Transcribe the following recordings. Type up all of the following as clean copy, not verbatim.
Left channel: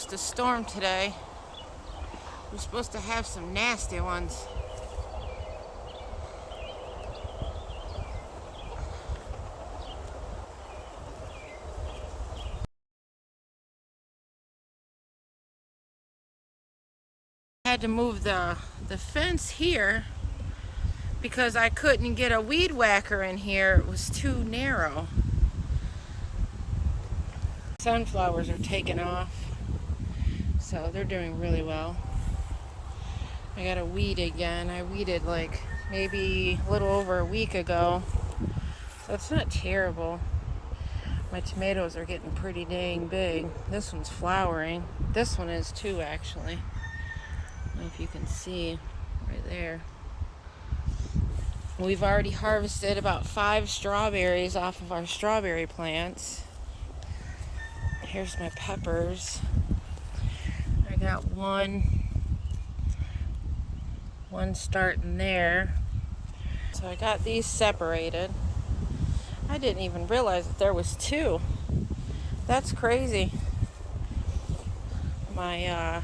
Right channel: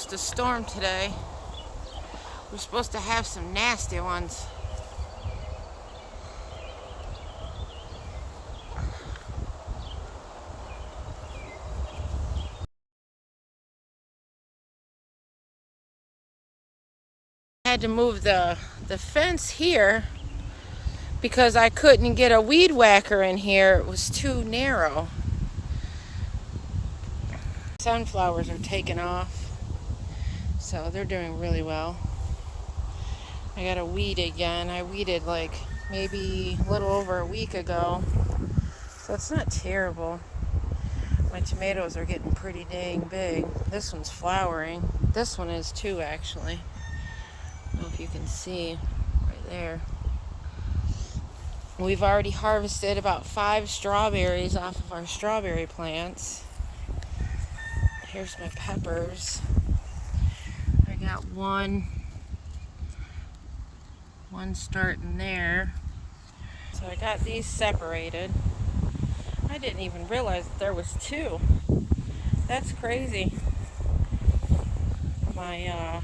supposed to storm today. We're supposed to have some nasty ones. I had to move the fence here because I couldn't get a weed whacker in here. It was too narrow. Sunflowers are taking off, so they're doing really well. I got to weed again. I weeded like maybe a little over a week ago, so it's not terrible. My tomatoes are getting pretty dang big. This one's flowering. This one is too, actually. I don't know if you can see right there. We've already harvested about 5 strawberries off of our strawberry plants. Here's my peppers. I got one starting there. So I got these separated. I didn't even realize that there was 2. That's crazy. My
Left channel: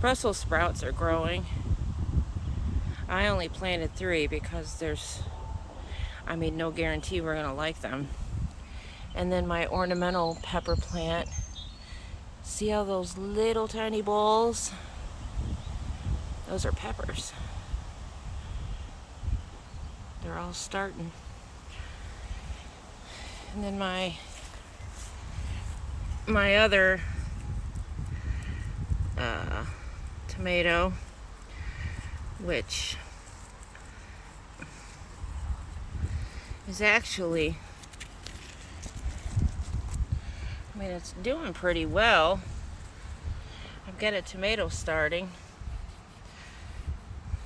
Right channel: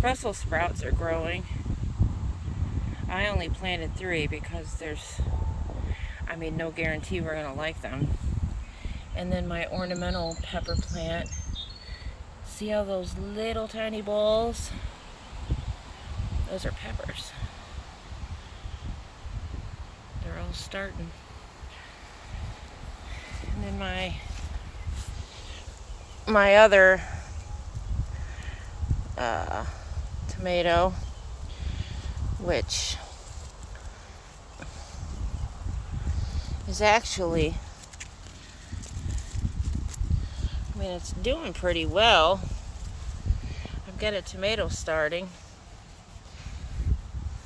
Brussels sprouts are growing. I only planted 3 because there's, no guarantee we're gonna like them. And then my ornamental pepper plant. See how those little tiny balls? Those are peppers. They're all starting. And then my other tomato, which is actually, it's doing pretty well. I've got a tomato starting,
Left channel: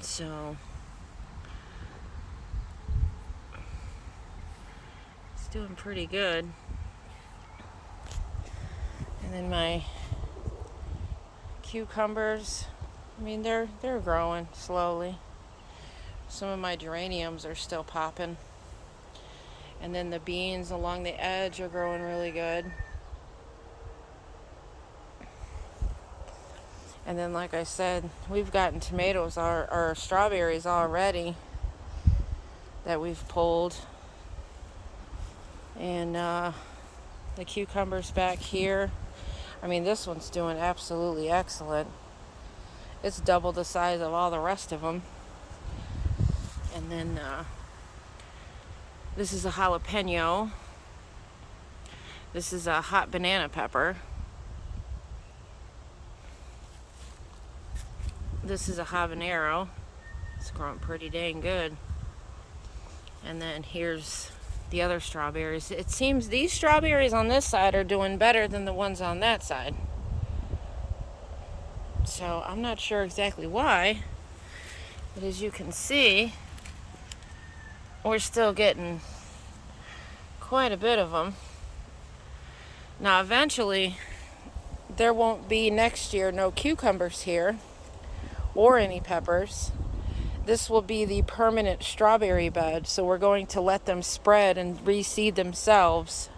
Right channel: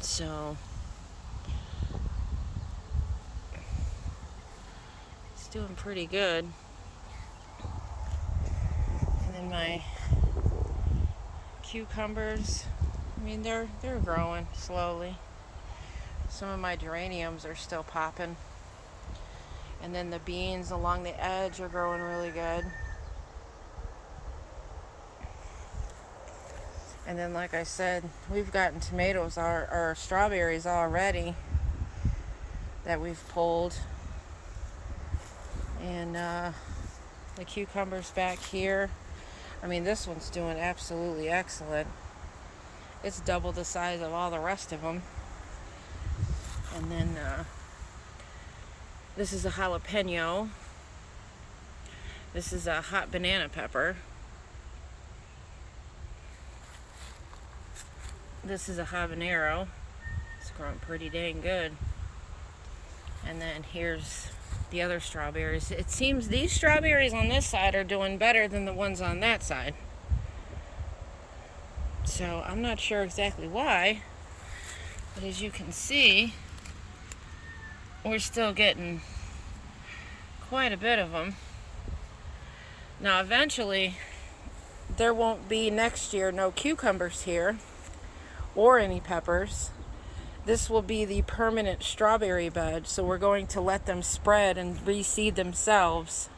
so it's doing pretty good. And then my cucumbers, they're growing slowly. Some of my geraniums are still popping. And then the beans along the edge are growing really good. And then, like I said, we've gotten tomatoes or strawberries already that we've pulled. And the cucumbers back here. This one's doing absolutely excellent. It's double the size of all the rest of them. And then this is a jalapeno. This is a hot banana pepper. This is a habanero. It's growing pretty dang good. And then here's the other strawberries. It seems these strawberries on this side are doing better than the ones on that side. So I'm not sure exactly why, but as you can see, we're still getting quite a bit of them. Now eventually there won't be next year no cucumbers here or any peppers. This will be the permanent strawberry bed, so we're going to let them spread and reseed themselves.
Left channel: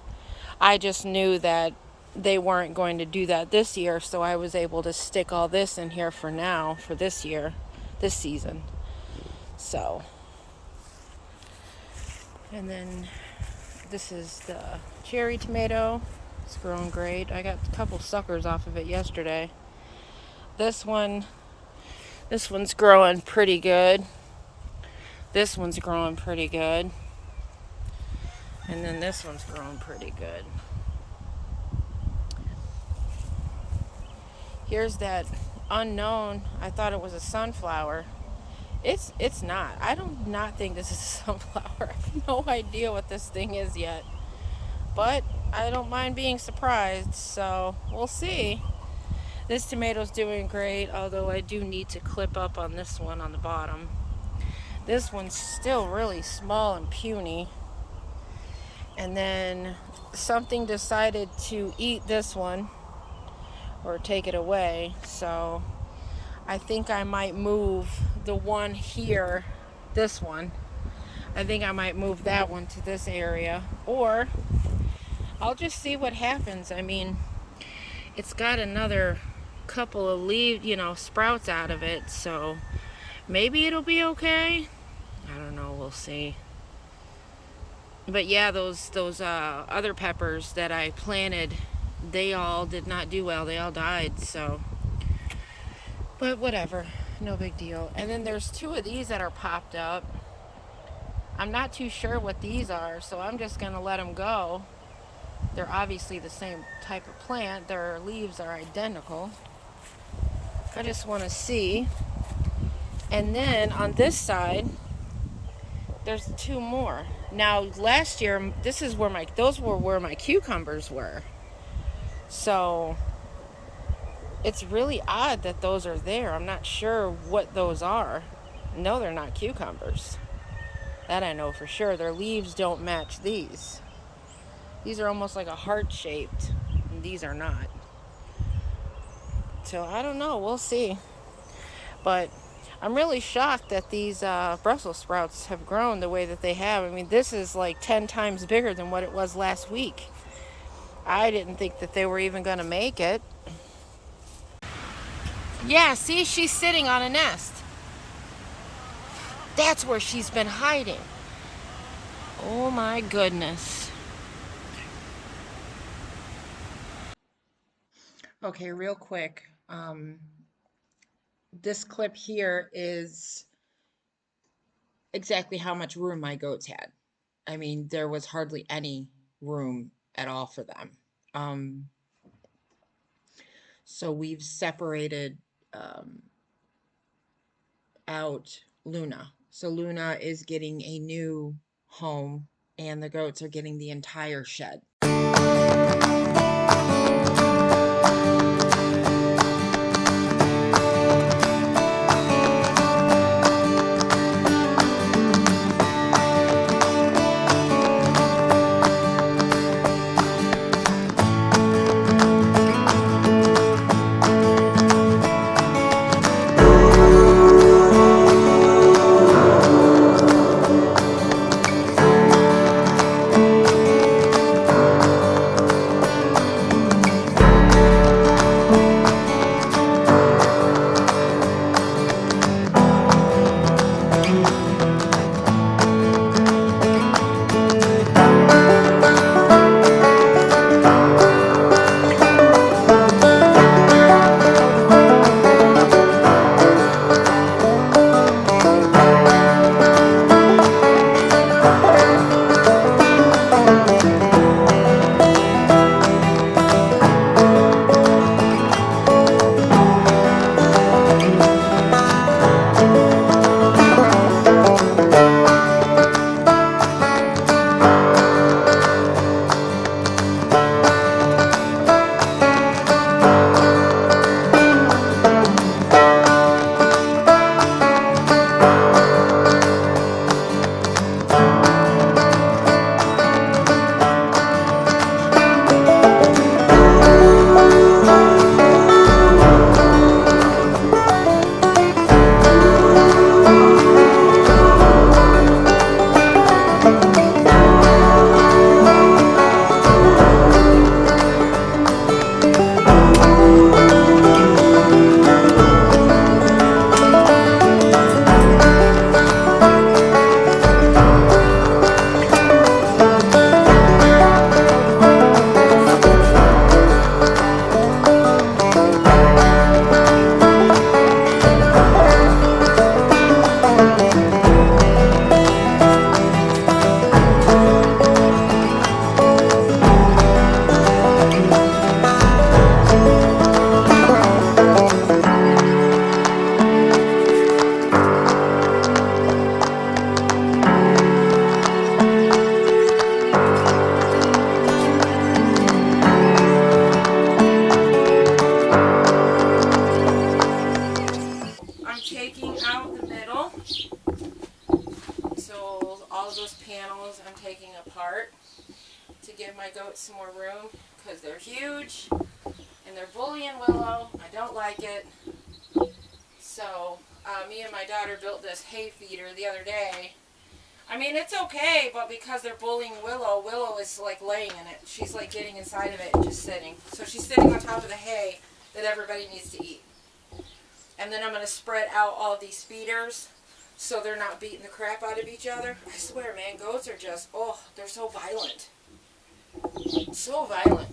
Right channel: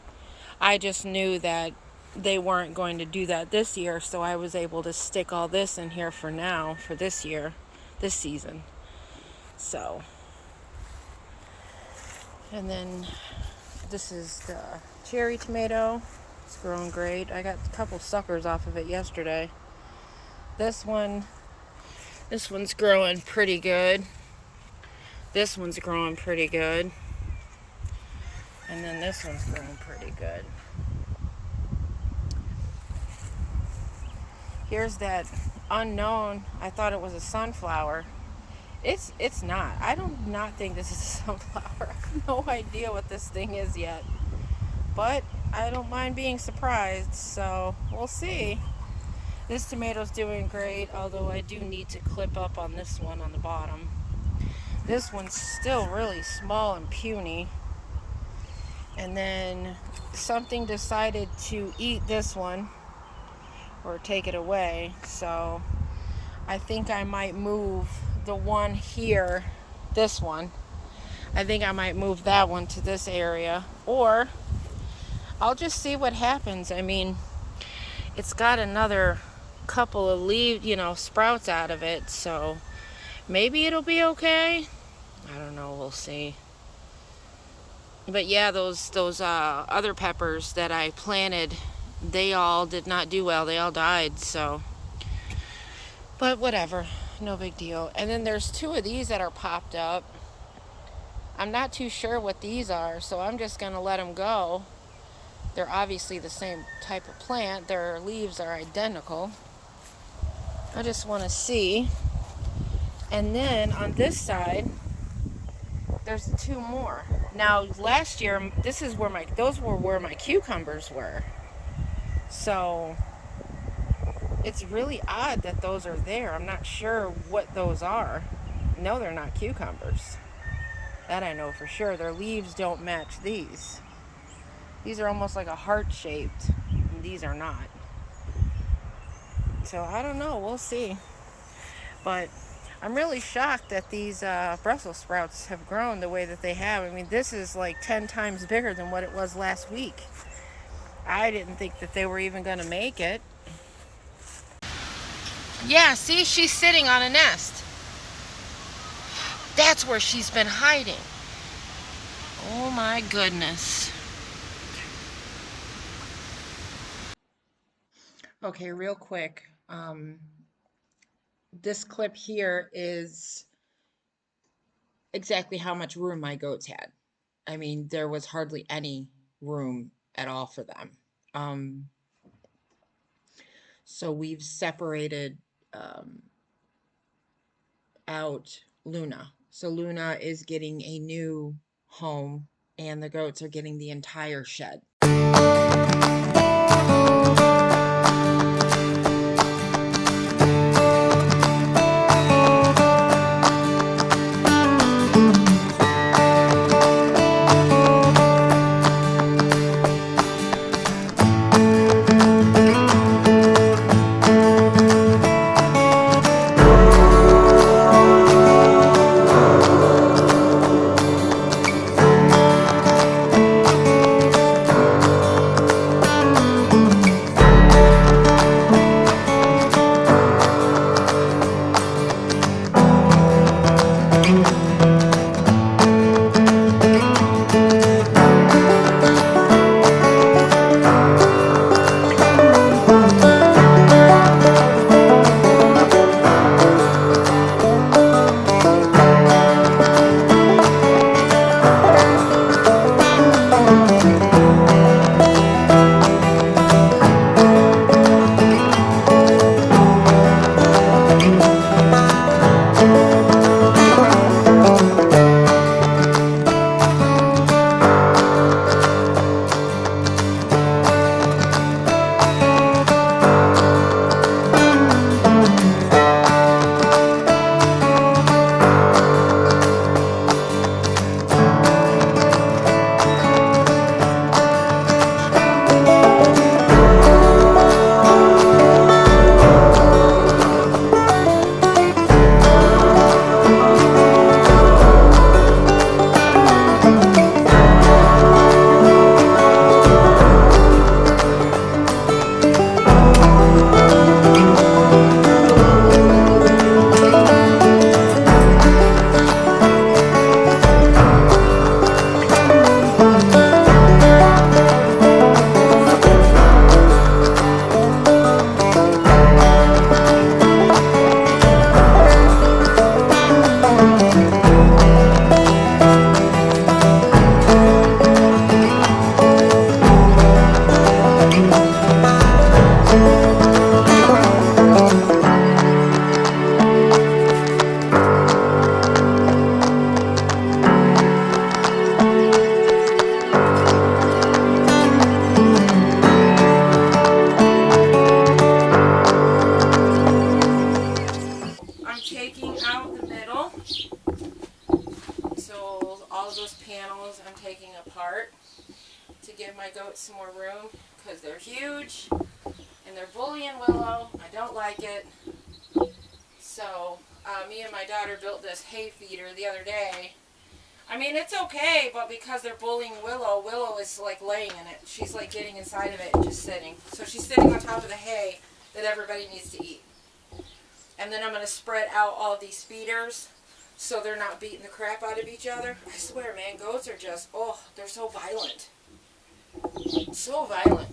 I just knew that they weren't going to do that this year, so I was able to stick all this in here for now, for this year, this season. So, and then this is the cherry tomato. It's growing great. I got a couple suckers off of it yesterday. This one's growing pretty good. This one's growing pretty good. And then this one's growing pretty good. Here's that unknown. I thought it was a sunflower. It's not. I do not think this is a sunflower. I have no idea what this thing is yet. But I don't mind being surprised, so we'll see. This tomato's doing great, although I do need to clip up on this one on the bottom. This one's still really small and puny. And then something decided to eat this one or take it away, so I think I might move the one here, this one. I think I might move that one to this area, or I'll just see what happens. it's got another couple of leaves, you know, sprouts out of it, so maybe it'll be okay. I don't know, we'll see. But yeah, those other peppers that I planted, they all did not do well. They all died, so. But whatever, no big deal. And then there's two of these that are popped up. I'm not too sure what these are, so I'm just going to let them go. They're obviously the same type of plant. Their leaves are identical. I just want to see. And then on this side, there's two more. Now, last year, this is where those were where my cucumbers were. So it's really odd that those are there. I'm not sure what those are. No, they're not cucumbers. That I know for sure. Their leaves don't match these. These are almost like a heart shaped, and these are not. So I don't know. We'll see. But I'm really shocked that these Brussels sprouts have grown the way that they have. I mean, this is like 10 times bigger than what it was last week. I didn't think that they were even going to make it. Yeah, see, she's sitting on a nest. That's where she's been hiding. Oh my goodness. Okay, real quick. This clip here is exactly how much room my goats had. I mean, there was hardly any room at all for them. So we've separated out Luna. So Luna is getting a new home, and the goats are getting the entire shed. Some more room because they're huge and they're bully and willow. I don't like it. So me and my daughter built this hay feeder the other day. I mean, it's okay, but because they're bullying Willow, Willow is like laying in it. She's like getting inside of it and just sitting. So she's sitting on top of the hay that everybody needs to eat. And then I'm going to spread out all of these feeders so they're not beating the crap out of each other. I swear, man, goats are just, oh, they're so violent. So violent.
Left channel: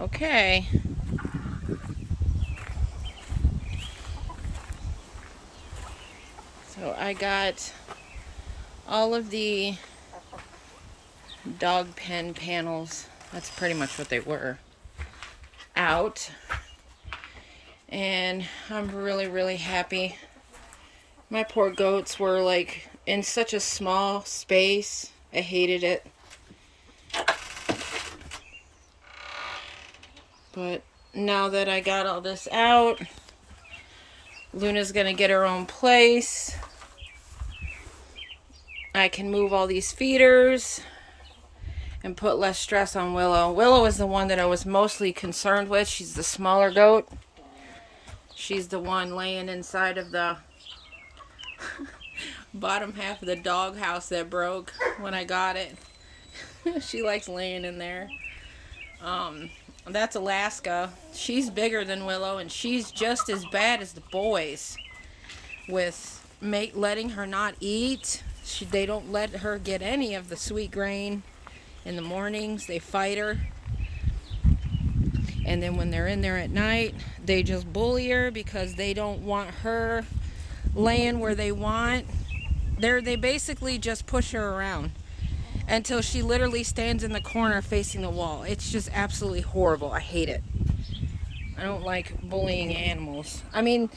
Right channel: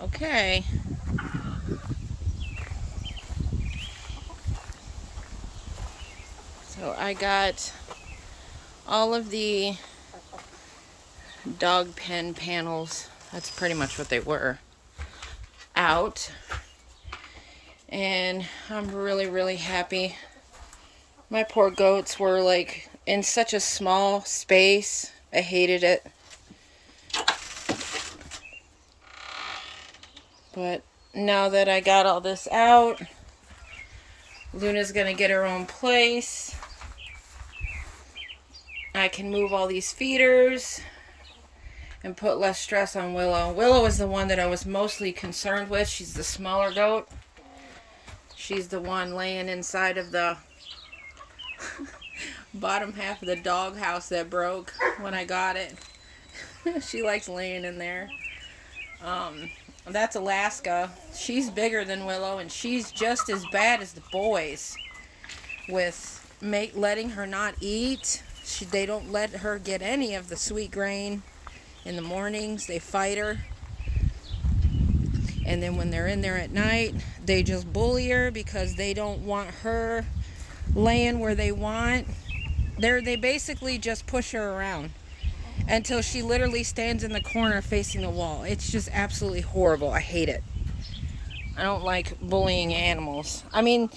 Okay. So I got all of the dog pen panels, that's pretty much what they were, out. And I'm really happy. My poor goats were like in such a small space. I hated it. But now that I got all this out, Luna's gonna get her own place. I can move all these feeders and put less stress on Willow. Willow is the one that I was mostly concerned with. She's the smaller goat. She's the one laying inside of the bottom half of the dog house that broke when I got it. She likes laying in there. That's Alaska. She's bigger than Willow, and she's just as bad as the boys with letting her not eat. They don't let her get any of the sweet grain in the mornings. They fight her. And then when they're in there at night, they just bully her because they don't want her laying where they want. They basically just push her around until she literally stands in the corner facing the wall. It's just absolutely horrible. I hate it. I don't like bullying animals. I mean,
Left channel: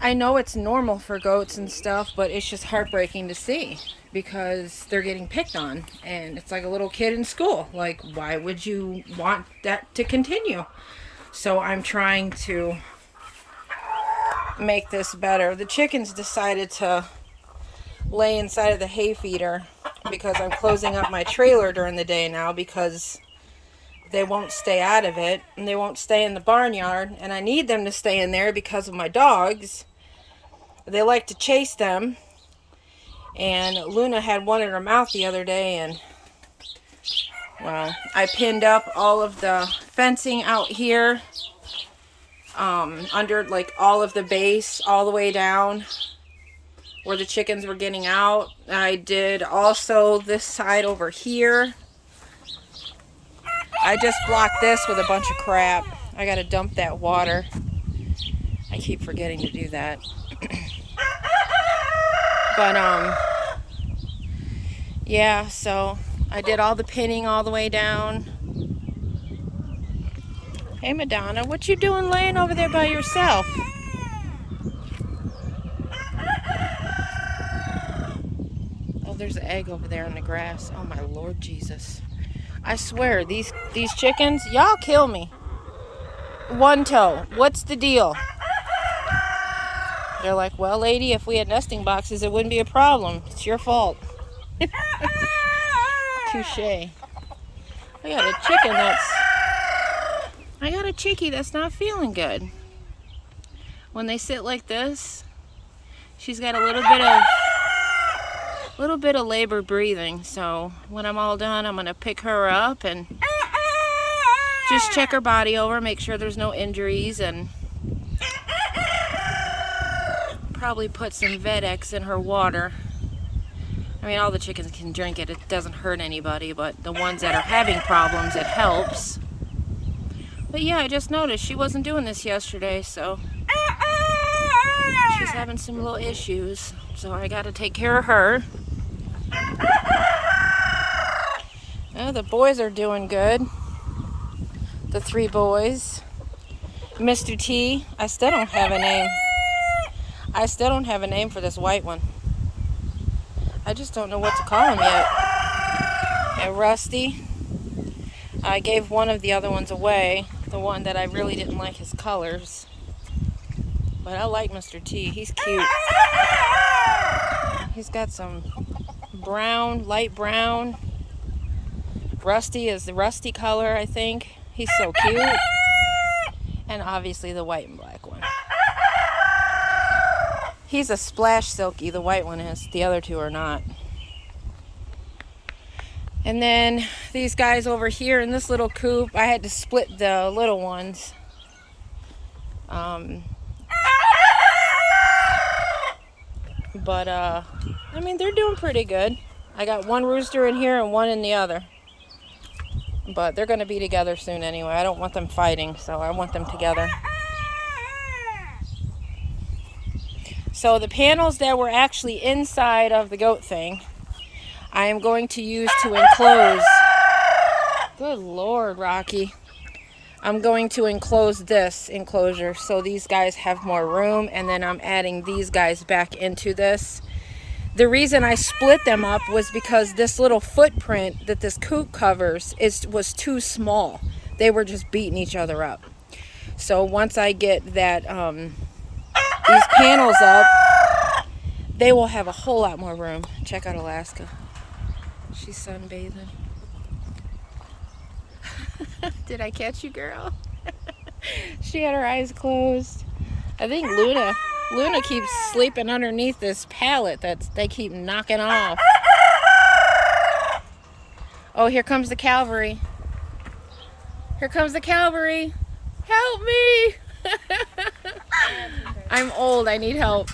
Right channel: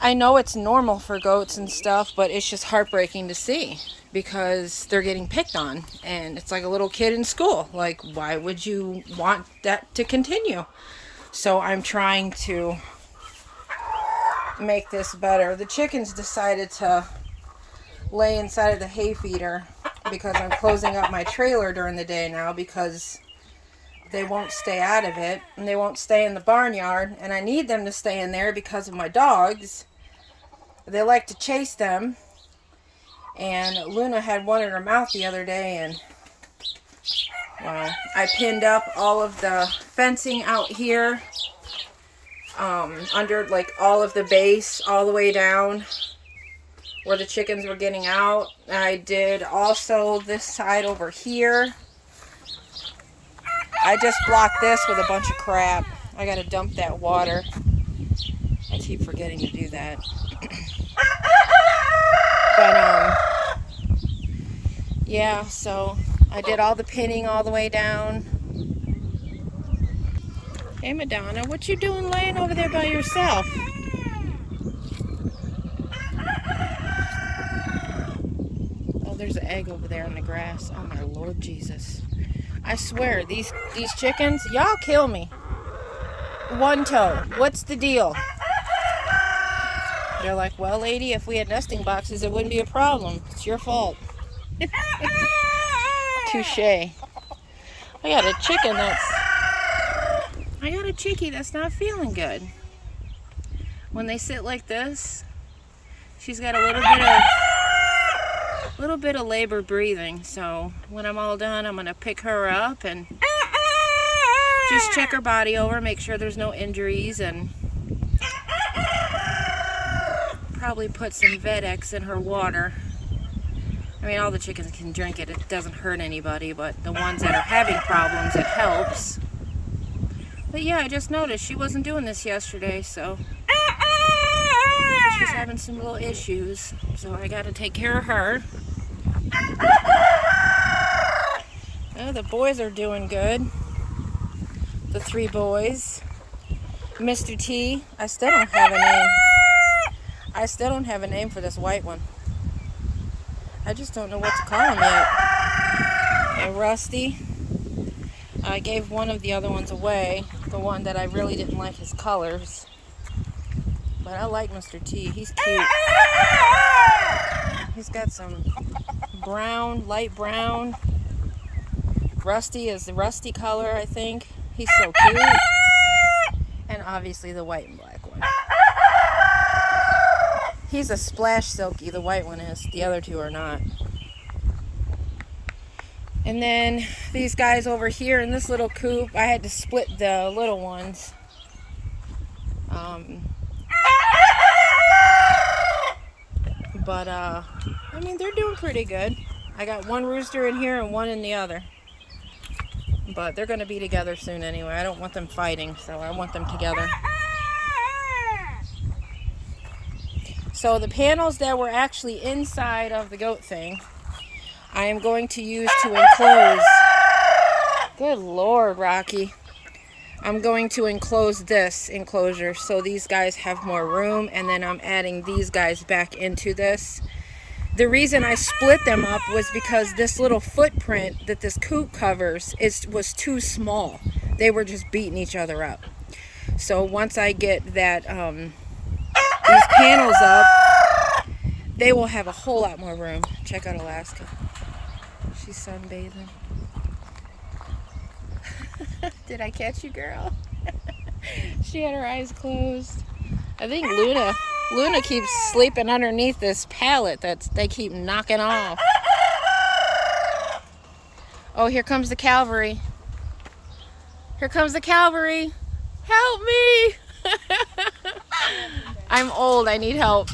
I know it's normal for goats and stuff, but it's just heartbreaking to see because they're getting picked on. And it's like a little kid in school. Like, why would you want that to continue? So I'm trying to make this better. The chickens decided to lay inside of the hay feeder because I'm closing up my trailer during the day now because they won't stay out of it and they won't stay in the barnyard, and I need them to stay in there because of my dogs. They like to chase them, and Luna had one in her mouth the other day, and well, I pinned up all of the fencing out here under like all of the base all the way down where the chickens were getting out. I did also this side over here. I just blocked this with a bunch of crap. I gotta dump that water. I keep forgetting to do that. But yeah, so I did all the pinning all the way down. Hey Madonna, what you doing laying over there by yourself? There's an egg over there in the grass. Oh my Lord Jesus. I swear, these chickens, y'all kill me. One toe, what's the deal? They're like, well lady, if we had nesting boxes it wouldn't be a problem. It's your fault. Touche. I got a chickie that's not feeling good. When they sit like this, she's got a little bit of labor breathing, so when I'm all done I'm gonna pick her up and just check her body over, make sure there's no injuries, and probably put some Vedex in her water. I mean, all the chickens can drink it, it doesn't hurt anybody, but the ones that are having problems, it helps. But yeah, I just noticed she wasn't doing this yesterday, so she's having some little issues. So I got to take care of her. Oh, the boys are doing good. The 3 boys. Mr. T, I still don't have a name. I still don't have a name for this white one. I just don't know what to call him yet. And Rusty, I gave one of the other ones away, the one that I really didn't like his colors. But I like Mr. T, he's cute. He's got some brown, light brown. Rusty is the rusty color, I think. He's so cute. And obviously the white and black one. He's a splash silky, the white one is. The other 2 are not. And then these guys over here in this little coop, I had to split the little ones. But I mean, they're doing pretty good. I got one rooster in here and one in the other. But they're going to be together soon anyway. I don't want them fighting, so I want them together. So the panels that were actually inside of the goat thing, I am going to use to enclose. Good Lord, Rocky. I'm going to enclose this enclosure so these guys have more room, and then I'm adding these guys back into this. The reason I split them up was because this little footprint that this coop covers was too small. They were just beating each other up. So once I get that these panels up, they will have a whole lot more room. Check out Alaska. She's sunbathing. Did I catch you, girl? She had her eyes closed. I think Luna keeps sleeping underneath this pallet that they keep knocking off. Oh, here comes the cavalry. Here comes the cavalry. Help me! I'm old, I need help.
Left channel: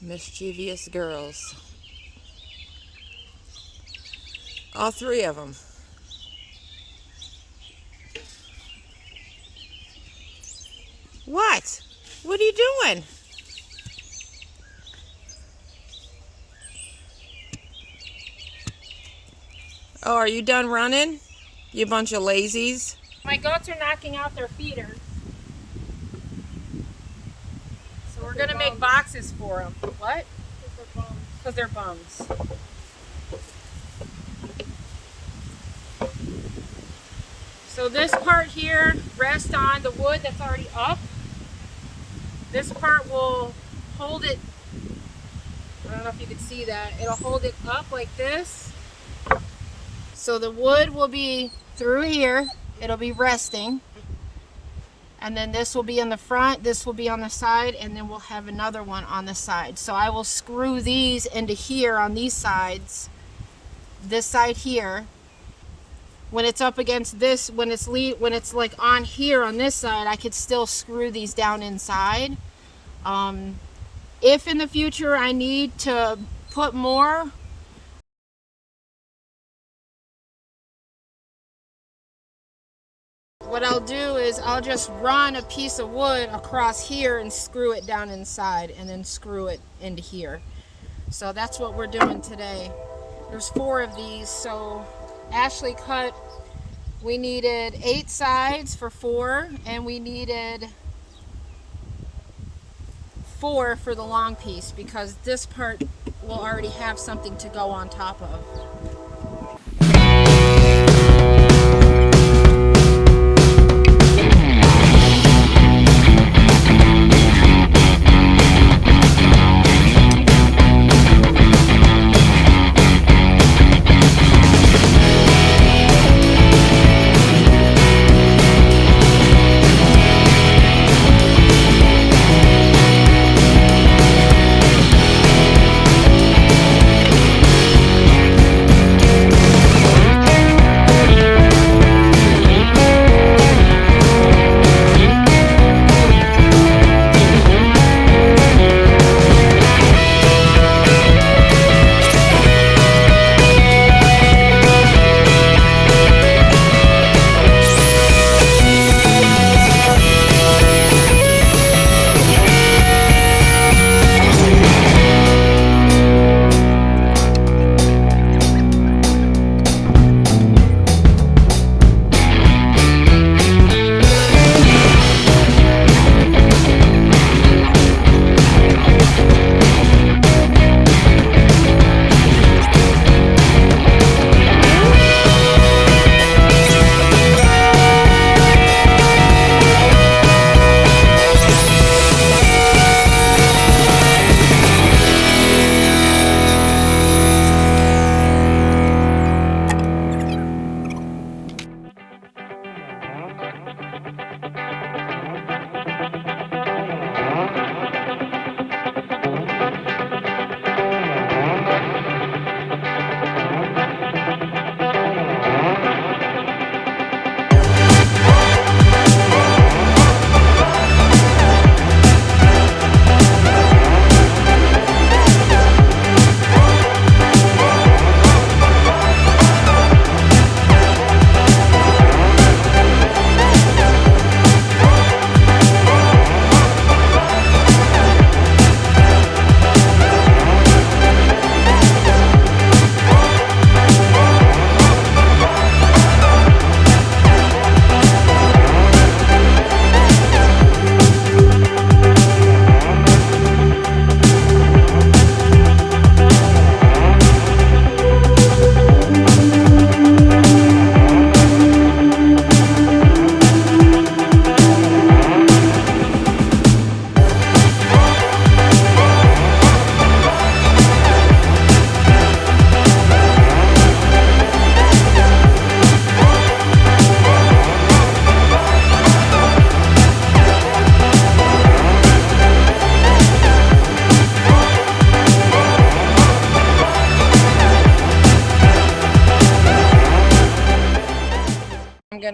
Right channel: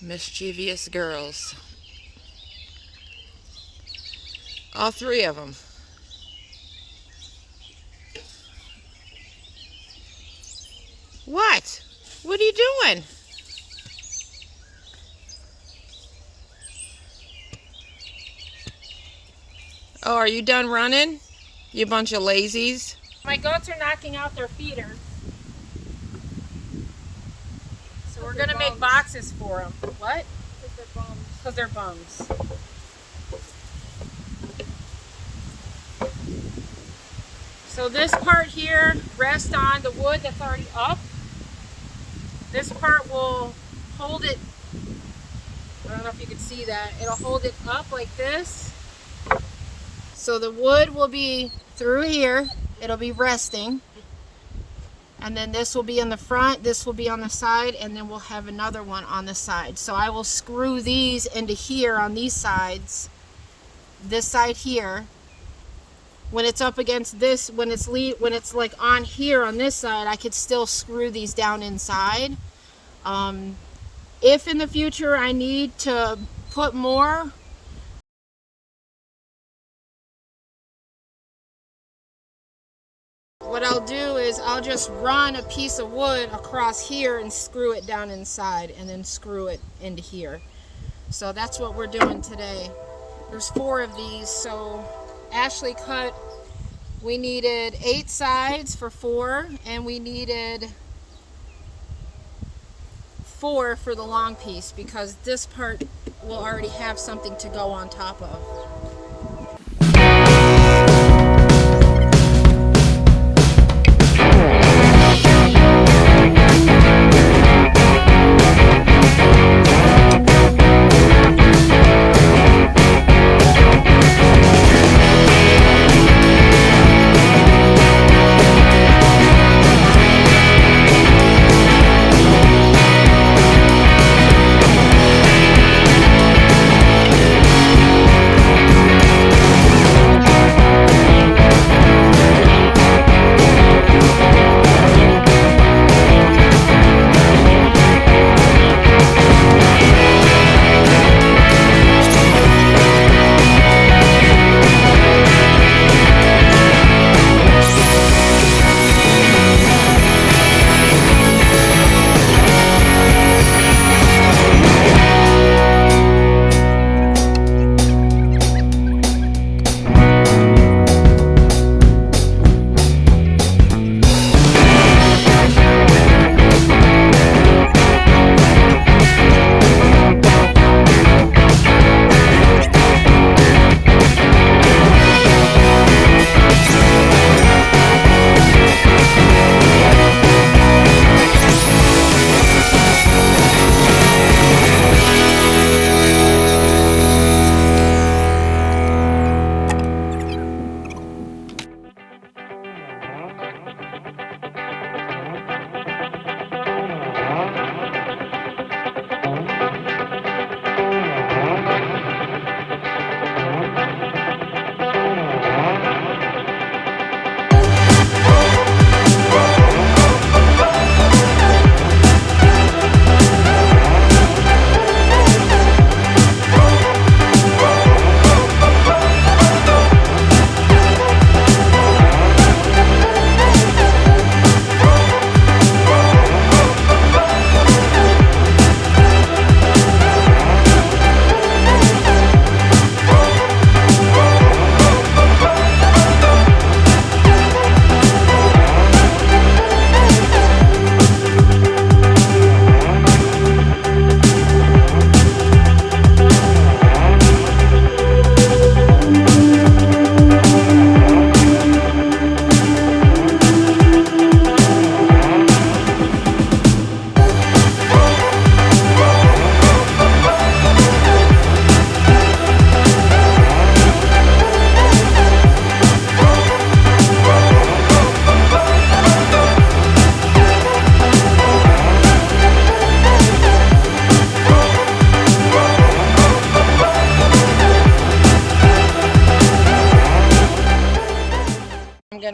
Mischievous girls. All 3 of them. What? What are you doing? Oh, are you done running? You bunch of lazies. My goats are knocking out their feeders. So we're going to make boxes for them. What? Because they're bums. So this part here rests on the wood that's already up. This part will hold it, I don't know if you can see that, it'll hold it up like this. So the wood will be through here, it'll be resting. And then this will be in the front, this will be on the side, and then we'll have another one on the side. So I will screw these into here on these sides, this side here. When it's up against this, when it's like on here on this side, I could still screw these down inside. If in the future I need to put more, what I'll do is I'll just run a piece of wood across here and screw it down inside and then screw it into here. So that's what we're doing today. There's 4 of these, so Ashley cut, we needed 8 sides for 4, and we needed 4 for the long piece because this part will already have something to go on top of.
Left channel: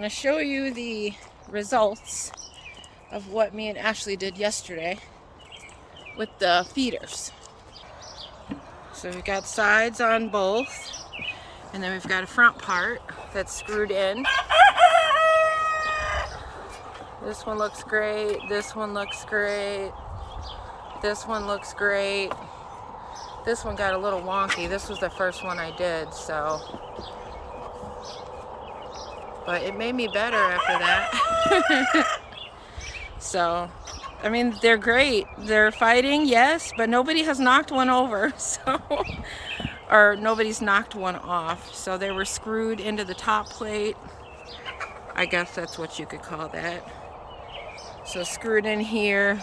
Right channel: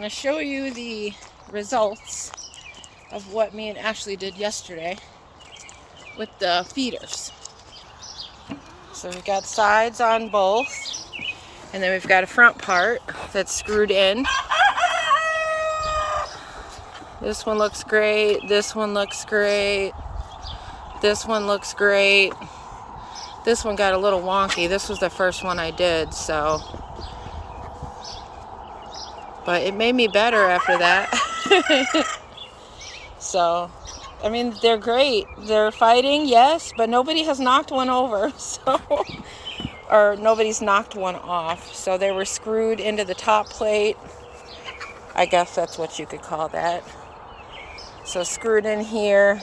to show you the results of what me and Ashley did yesterday with the feeders. So we've got sides on both, and then we've got a front part that's screwed in. This one looks great. This one looks great. This one looks great. This one got a little wonky. This was the first one I did, so. But it made me better after that. So, I mean, they're great. They're fighting, yes, but nobody has knocked one over, so. Or nobody's knocked one off. So they were screwed into the top plate. I guess that's what you could call that. So screwed in here.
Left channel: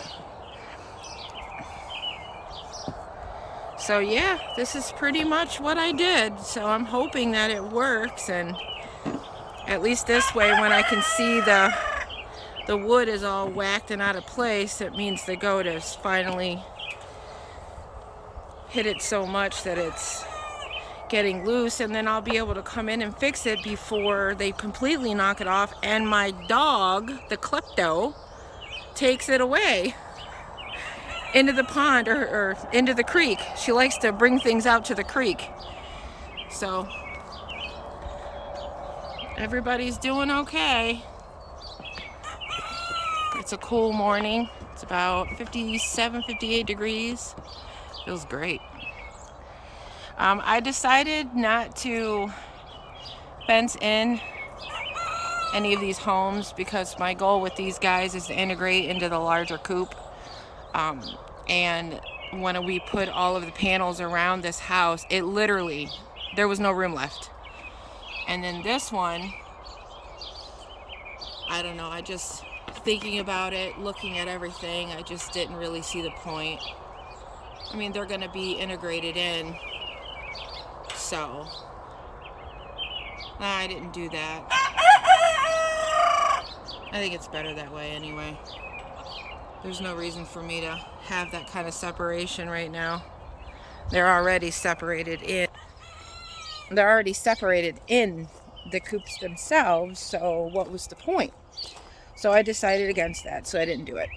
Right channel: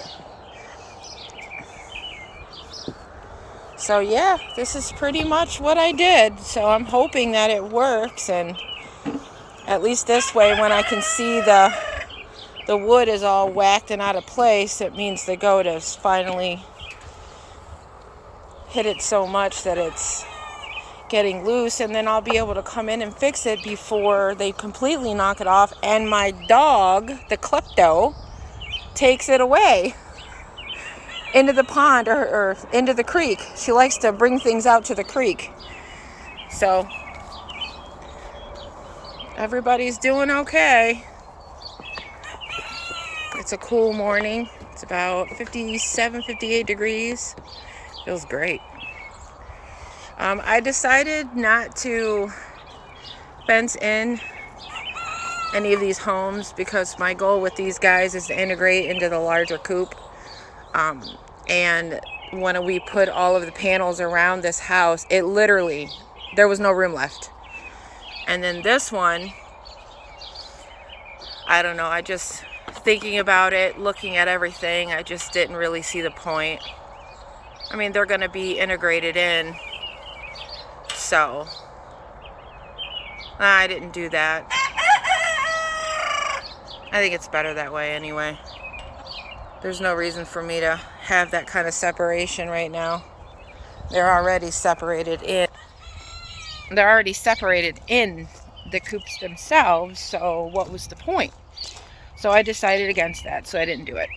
So yeah, this is pretty much what I did. So I'm hoping that it works, and at least this way, when I can see the wood is all whacked and out of place, it means the goat has finally hit it so much that it's getting loose, and then I'll be able to come in and fix it before they completely knock it off and my dog, the klepto, takes it away into the pond or into the creek. She likes to bring things out to the creek. So everybody's doing okay. It's a cool morning. It's about 57, 58 degrees. Feels great. I decided not to fence in any of these homes because my goal with these guys is to integrate into the larger coop. And when we put all of the panels around this house, it literally, there was no room left. And then this one, I don't know, I just, thinking about it, looking at everything, I just didn't really see the point. I mean, they're going to be integrated in, so I didn't do that. I think it's better that way anyway. There's no reason for me to have that kind of separation right now. They're already separated in. They're already separated in the coops themselves, so what was the point? So I decided against that, so I didn't do it.